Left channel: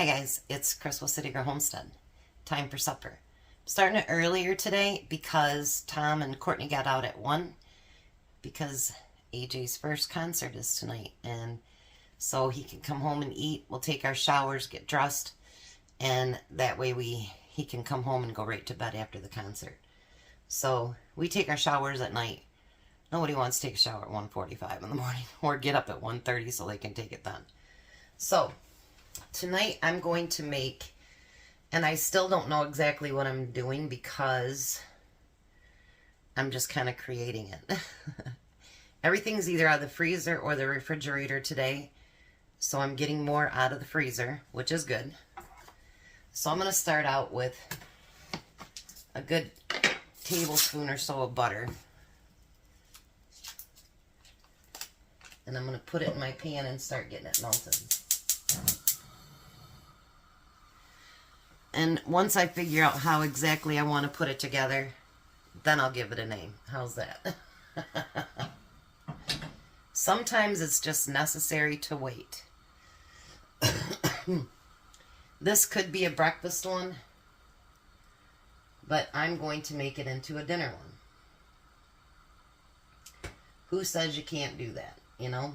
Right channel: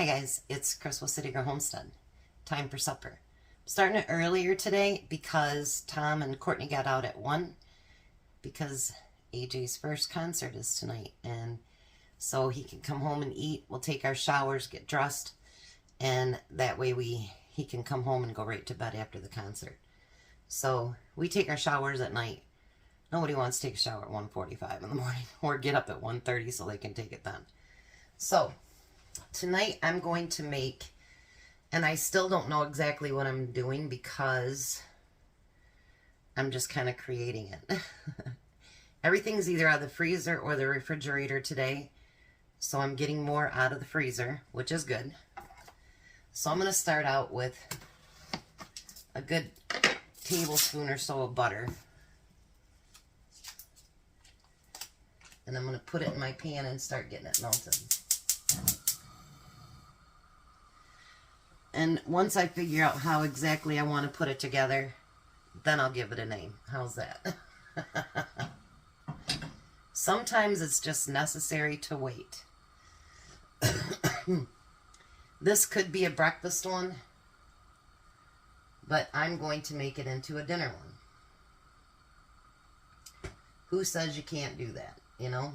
Hi guys, it's Chris with City Girl Homestead. Time for supper. I'm starting it earlier today because Tom and Courtney got out at 1 because AJ's first concert is tonight, and so he can come home and eat. We'll take our showers, get dressed, and that way he can come home and go right to bed after the concert. So we take our showers at night. Nobody wants to take a shower at 1:45 in the morning or get up at 1:30 so they can take it done. So tonight I'm going to make, and I still don't know exactly what I'm doing because I'm just kind of creating it. Everything's either out of the freezer or the refrigerator today, so I'm getting more out of the freezer, which is good. So I'm going to start out with a good tablespoon or so of butter. And I'm going to put it in my pan and start getting it melted. And once I figure out how exactly I want to put it together, then I'll give it a name. How's that? Sometimes it's just necessary to wait. This could be a breakfast one, but I'm going to make it into a dinner one. Who says you can't do that, you know?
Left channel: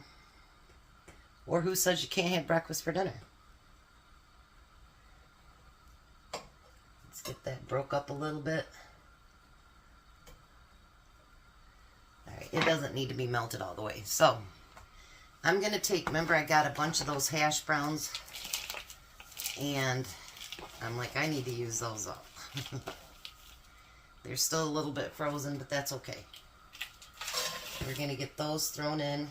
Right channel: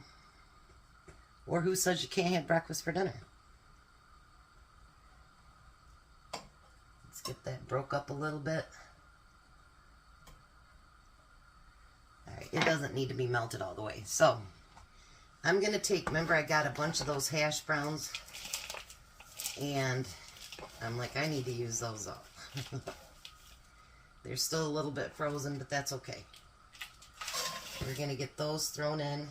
Or who says you can't have breakfast for dinner? Let's get that broke up a little bit. Alright, it doesn't need to be melted all the way. So, I'm going to take, remember I got a bunch of those hash browns, and I'm like, I need to use those up. They're still a little bit frozen, but that's okay. We're going to get those thrown in.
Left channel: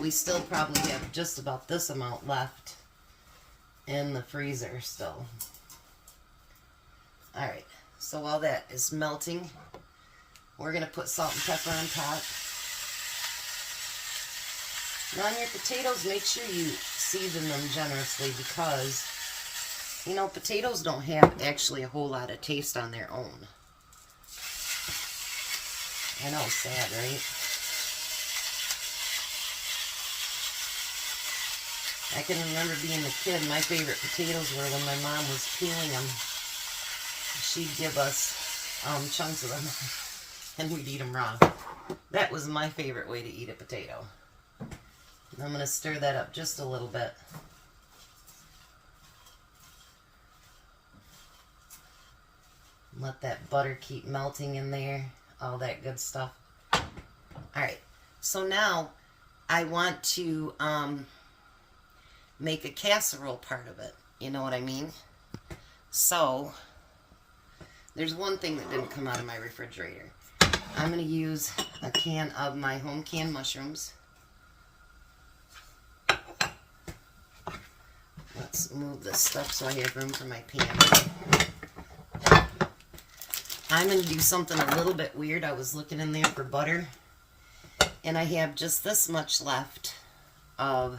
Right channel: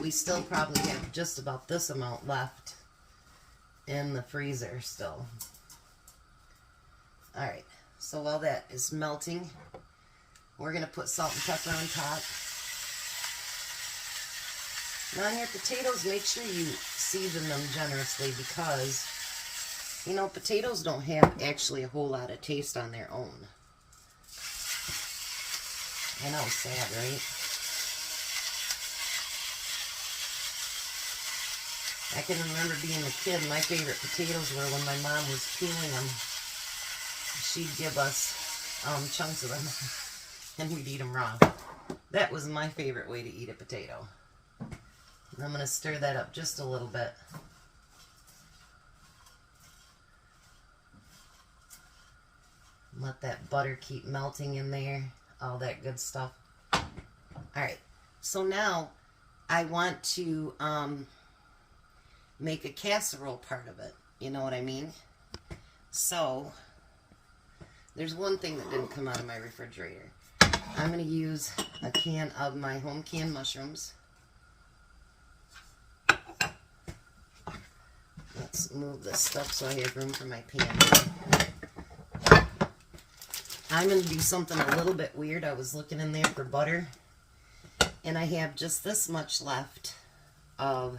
We still probably have just about this amount left in the freezer still. Alright, so while that is melting, we're going to put salt and pepper on top. Now on your potatoes, make sure you season them generously because, you know, potatoes don't have actually a whole lot of taste on their own. I know, sad, right? I can remember being a kid, my favorite potatoes were when my mom was peeling them. She'd give us chunks of them, and we'd eat them raw. That was my favorite way to eat a potato. And I'm going to stir that up just a little bit. Let that butter keep melting in there, all that good stuff. Alright, so now I want to make a casserole part of it. You know what I mean? So, there's one thing that didn't come out of my refrigerator. I'm going to use a can of my home canned mushrooms. Let's move this stuff so I have room for my pan. I'm going to do something a little bit weird. I was looking in there for butter, and I have just this much left of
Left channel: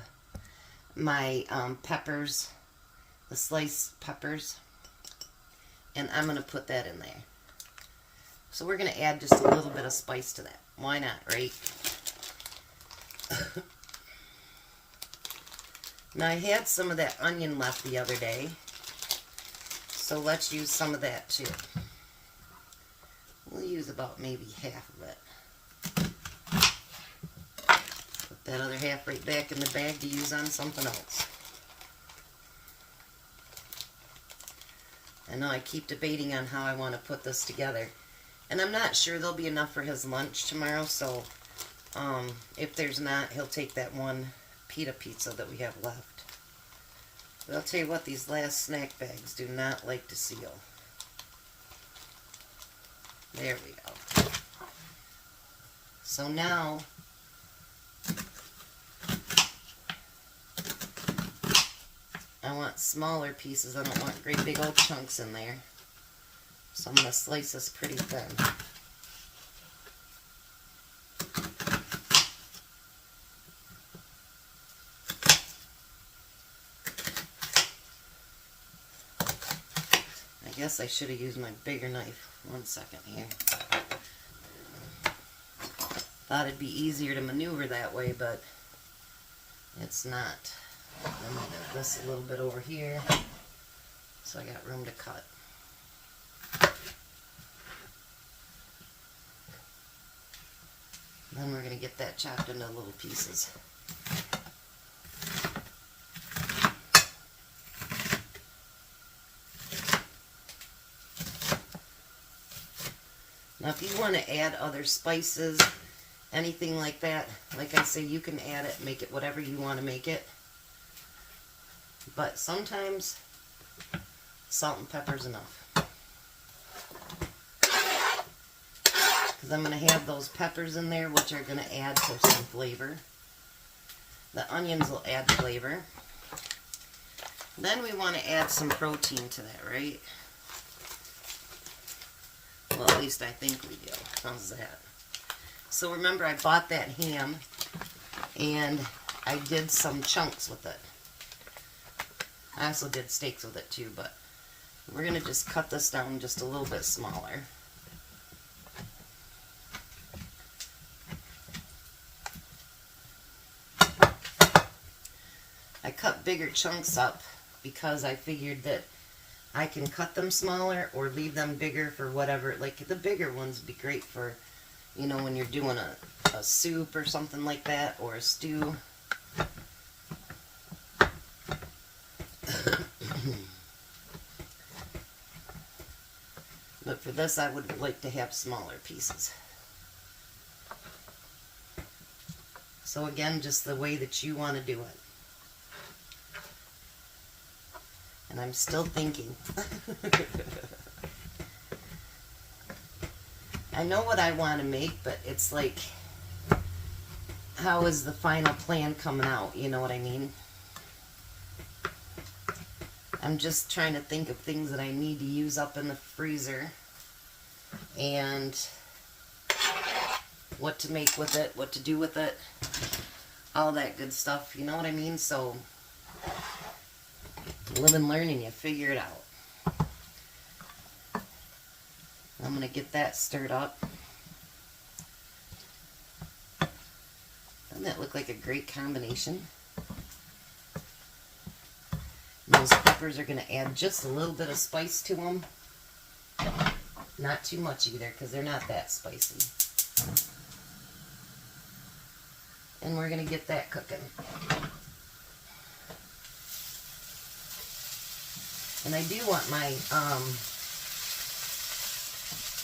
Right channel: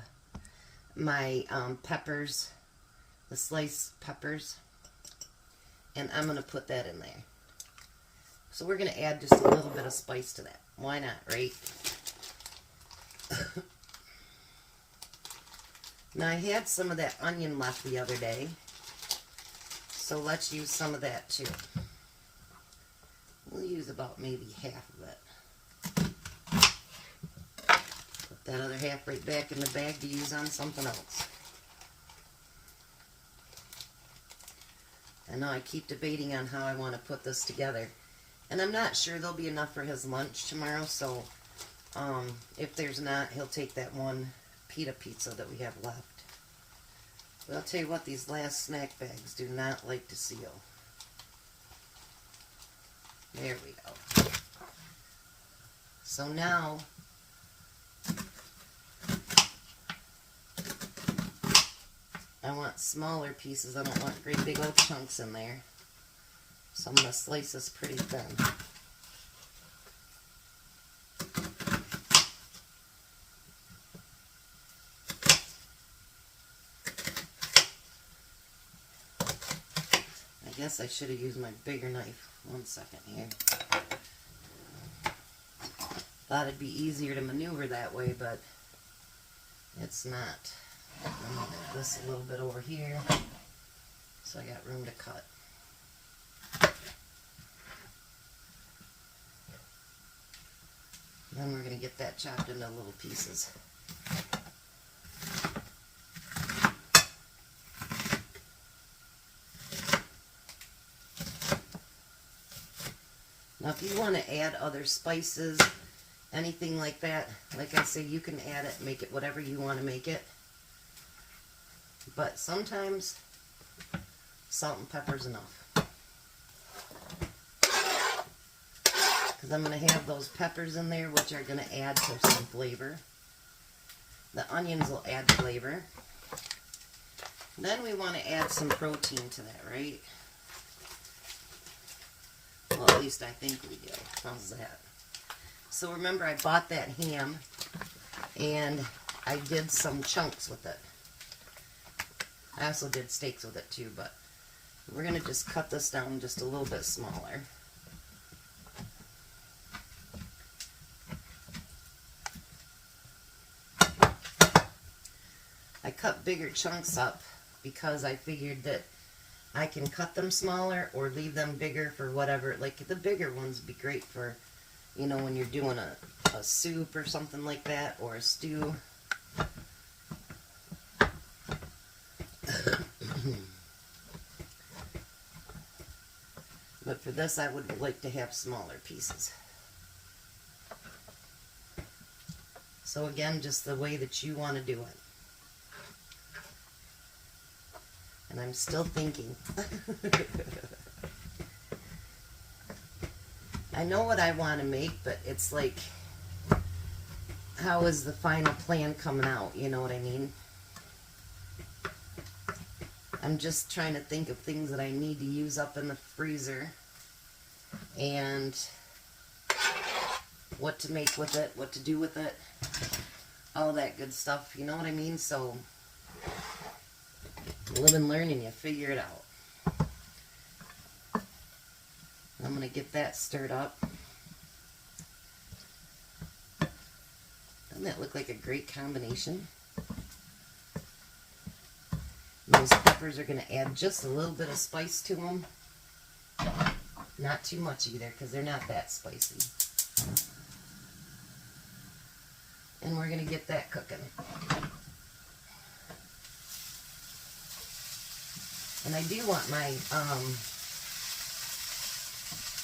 my peppers, the sliced peppers, and I'm going to put that in there. So we're going to add just a little bit of spice to that. Why not, right? Now I had some of that onion left the other day, so let's use some of that too. We'll use about maybe half of it. Put that other half right back in the bag to use on something else. I know I keep debating on how I want to put this together. And I'm not sure there'll be enough for his lunch tomorrow, so if there's not, he'll take that one pita pizza that we have left. But I'll tell you what, these last snack bags do not like to seal. There we go. So now, I want smaller pieces. I don't want great big old chunks in there. So I'm going to slice this pretty thin. I guess I should have used my bigger knife. One second here. Thought it'd be easier to maneuver that way, but it's not. I'm going to move this a little bit over here so I got room to cut. Then we're going to get that chopped into little pieces. Now if you want to add other spices, anything like that, like I say, you can add it, make it whatever you want to make it. But sometimes salt and pepper is enough. Because I'm going to have those peppers in there, which are going to add to some flavor. The onions will add flavor. Then we want to add some protein to that, right? Well, at least I think we do. How's that? So remember, I bought that ham, and I did some chunks with it. I also did steaks with it too, but we're going to just cut this down just a little bit smaller. I cut bigger chunks up because I figured that I can cut them smaller or leave them bigger for whatever. Like the bigger ones would be great for, you know, when you're doing a soup or something like that, or a stew. But for this, I would like to have smaller pieces. So again, just the way that you want to do it. And I'm still thinking. I know what I want to make, but it's like, how is the final plan coming out? You know what I mean? I'm just trying to think of things that I need to use up in the freezer and what to make with it, what to do with it, all that good stuff. You know what I mean? So live and learning, you figure it out. I'm going to get that stirred up. Doesn't that look like a great combination? Those peppers are going to add just a little bit of spice to them. Not too much either, because they're not that spicy. And we're going to get that cooking. And I do want my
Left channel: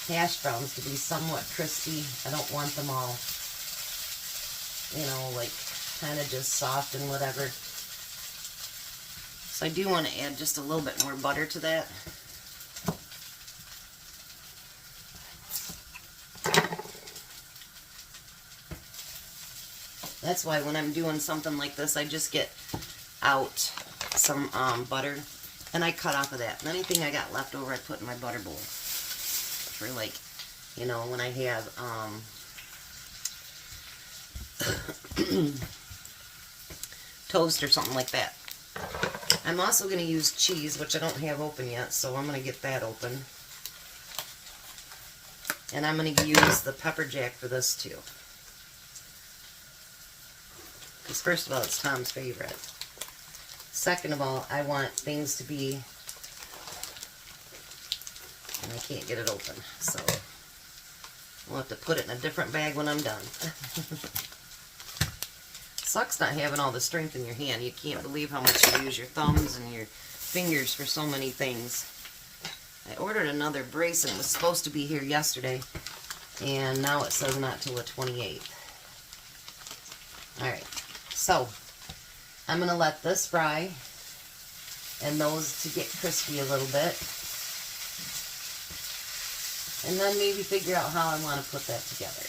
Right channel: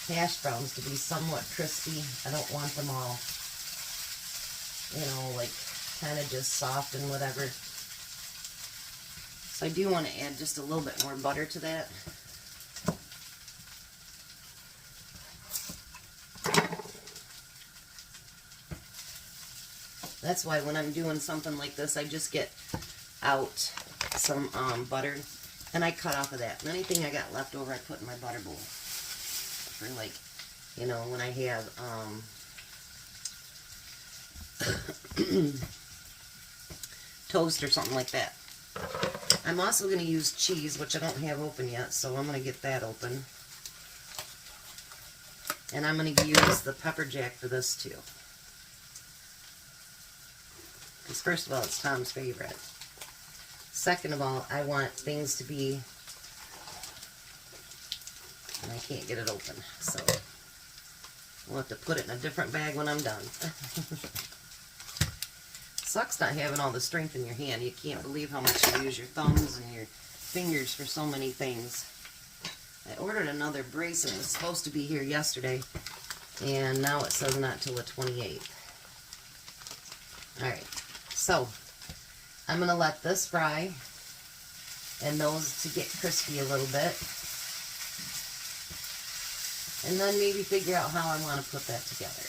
hash browns to be somewhat crispy. I don't want them all, you know, like kind of just soft and whatever. So I do want to add just a little bit more butter to that. That's why when I'm doing something like this, I just get out some butter, and I cut off of that. And anything I got left over, I put in my butter bowl for, like, you know, when I have toast or something like that. I'm also going to use cheese, which I don't have open yet, so I'm going to get that open. And I'm going to use the pepper jack for this too. Because first of all, it's Tom's favorite. Second of all, I want things to be, and I can't get it open, so we'll have to put it in a different bag when I'm done. Sucks not having all the strength in your hand. You can't believe how much you use your thumbs and your fingers for so many things. I ordered another brace and it was supposed to be here yesterday, and now it says not till the 28th. Alright, so I'm going to let this fry and those to get crispy a little bit. And then maybe figure out how I want to put that together.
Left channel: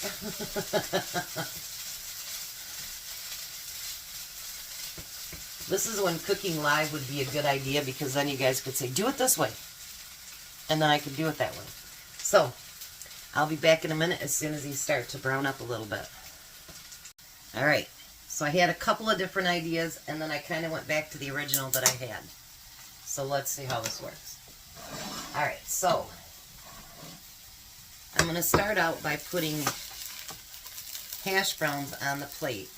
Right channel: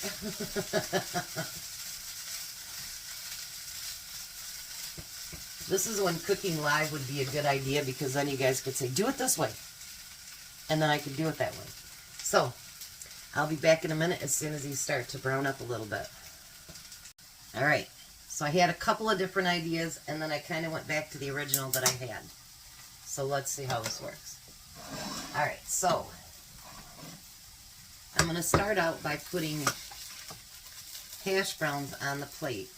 This is when cooking live would be a good idea, because then you guys could say, do it this way. And then I could do it that way. So, I'll be back in a minute as soon as these start to brown up a little bit. Alright, so I had a couple of different ideas, and then I kind of went back to the original that I had. So let's see how this works. Alright, so I'm going to start out by putting hash browns on the plate.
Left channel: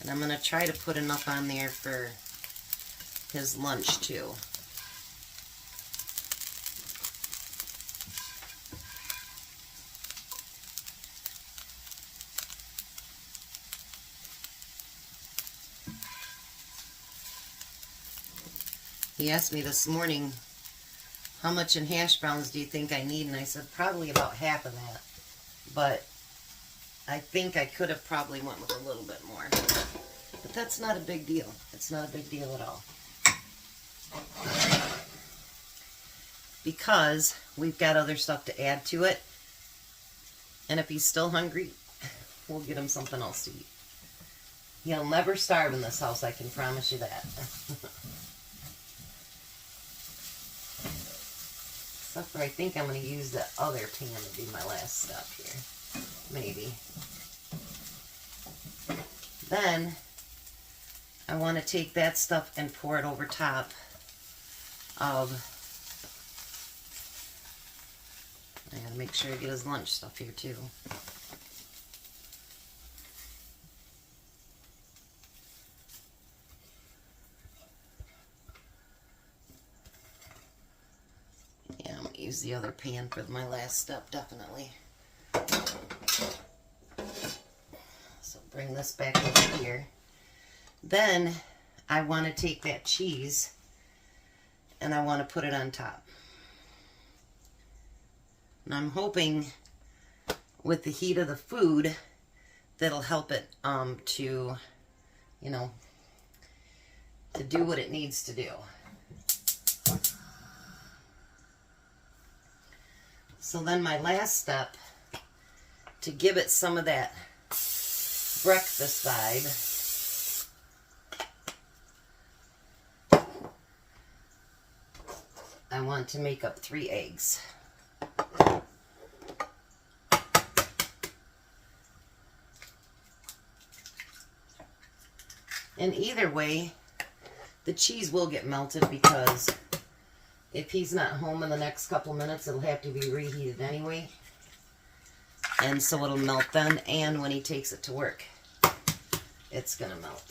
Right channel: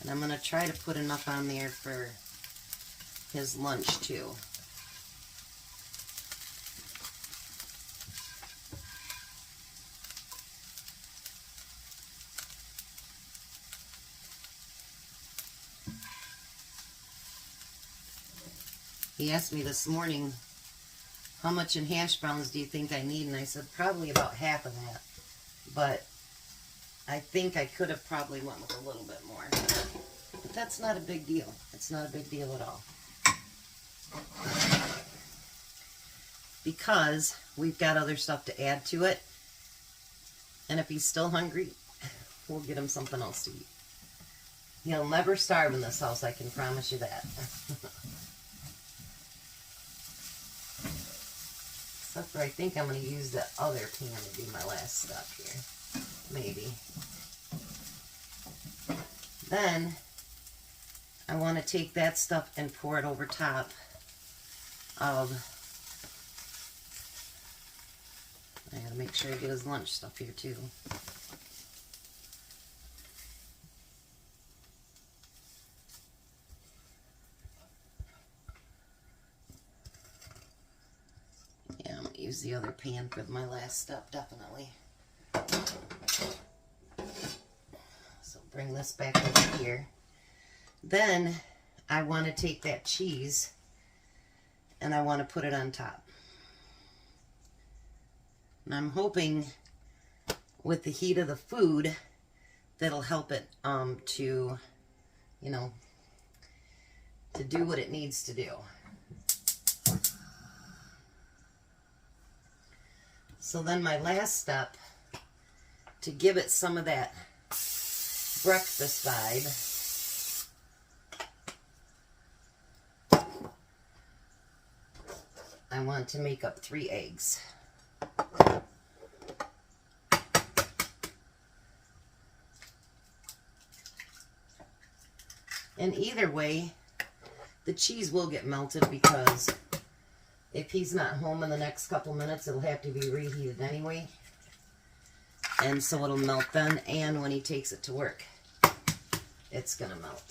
And I'm going to try to put enough on there for his lunch too. He asked me this morning, how much in hash browns do you think I need? And I said, probably about half of that. But I think I could have probably went with a little bit more. But that's not a big deal. It's not a big deal at all. Because we've got other stuff to add to it. And if he's still hungry, we'll get him something else to eat. He'll never starve in this house, I can promise you that. Except for I think I'm going to use the other pan to be my last step here. Maybe. Then I want to take that stuff and pour it over top of, I gotta make sure I get his lunch stuff here too. Yeah, I'm gonna use the other pan for my last step, definitely. So bring this back over here. Then I want to take that cheese and I want to put it on top. And I'm hoping with the heat of the food that'll help it to, you know, to do what it needs to do. So then my last step, to give it some of that breakfast vibe, I want to make up 3 eggs. And either way, the cheese will get melted because if he's not home in the next couple minutes, it'll have to be reheated anyway. And so it'll melt then, and when he takes it to work, it's going to melt.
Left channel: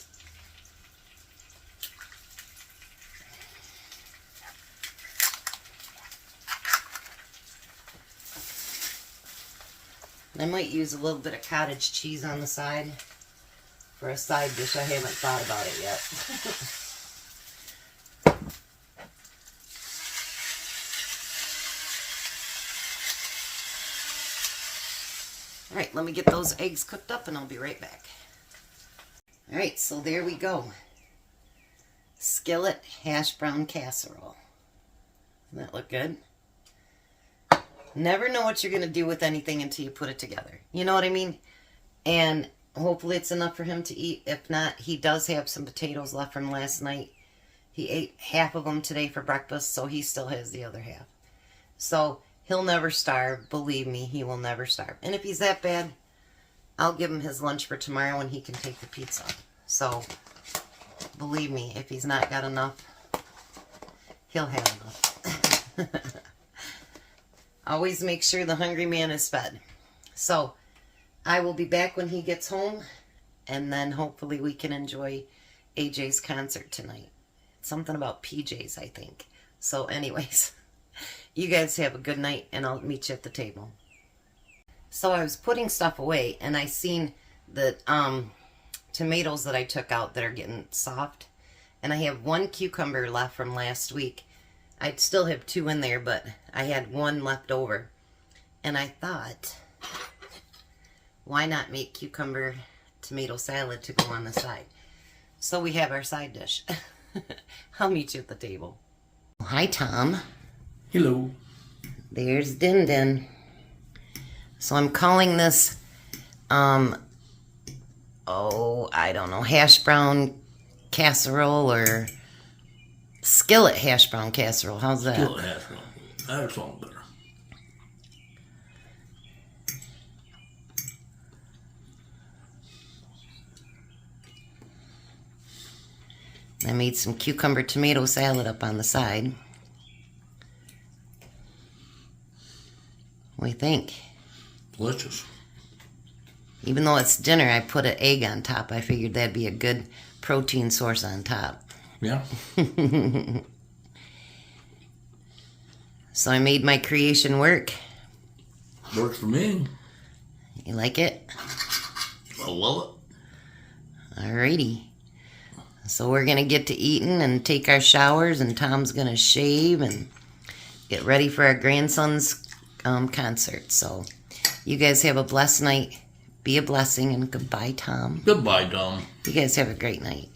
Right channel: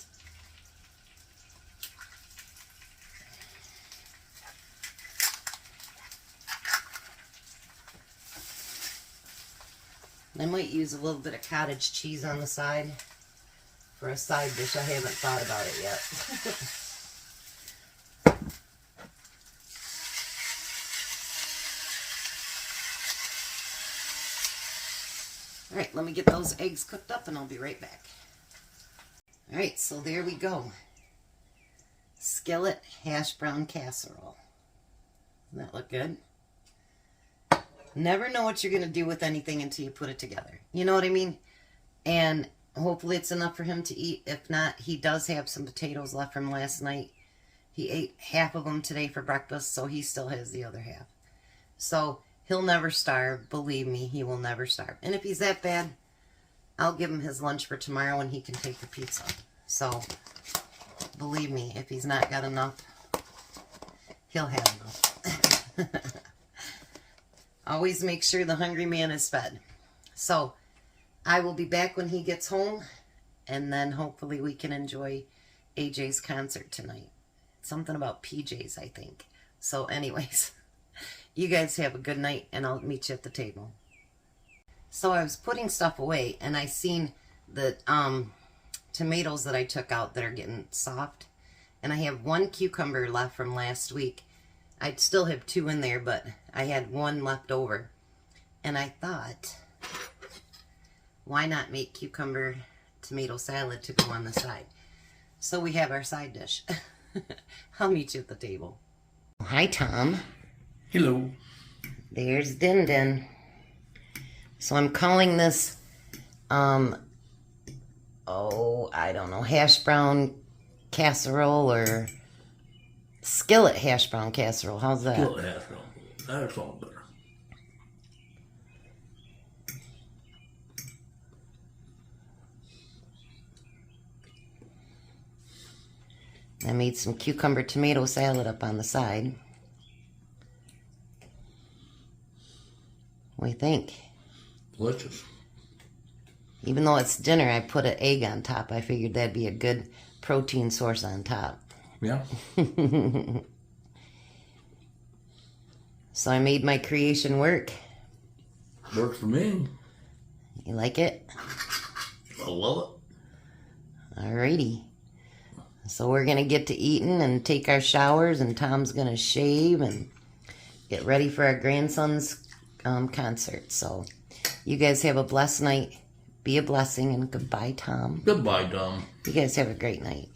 I might use a little bit of cottage cheese on the side for a side dish. I haven't thought about it yet. Alright, let me get those eggs cooked up and I'll be right back. Alright, so there we go. Skillet hash brown casserole. Doesn't that look good? Never know what you're going to do with anything until you put it together. You know what I mean? And hopefully it's enough for him to eat. If not, he does have some potatoes left from last night. He ate half of them today for breakfast, so he still has the other half. So he'll never starve. Believe me, he will never starve. And if he's that bad, I'll give him his lunch for tomorrow and he can take the pizza. So believe me, if he's not got enough, he'll have enough. Always make sure the hungry man is fed. So I will be back when he gets home, and then hopefully we can enjoy AJ's concert tonight. Something about PJs, I think. So anyways, you guys have a good night, and I'll meet you at the table. So I was putting stuff away, and I seen the tomatoes that I took out that are getting soft. And I have 1 cucumber left from last week. I'd still have 2 in there, but I had 1 left over. And I thought, why not make cucumber tomato salad to go on the side? So we have our side dish. I'll meet you at the table. Hi, Tom. Hello. There's Din Din. So I'm calling this, I don't know, hash brown casserole or skillet hash brown casserole. How's that? Skillet hash brown. That sounds better. I made some cucumber tomato salad up on the side. What do you think? Delicious. Even though it's dinner, I put an egg on top. I figured that'd be a good protein source on top. Yeah. So I made my creation work. Works for me. You like it? I love Alrighty. So we're going to get to eating and take our showers, and Tom's going to shave and get ready for our grandson's concert. So you guys have a blessed night. Be a blessing, and goodbye, Tom. it. Goodbye, Tom. You guys have a great night.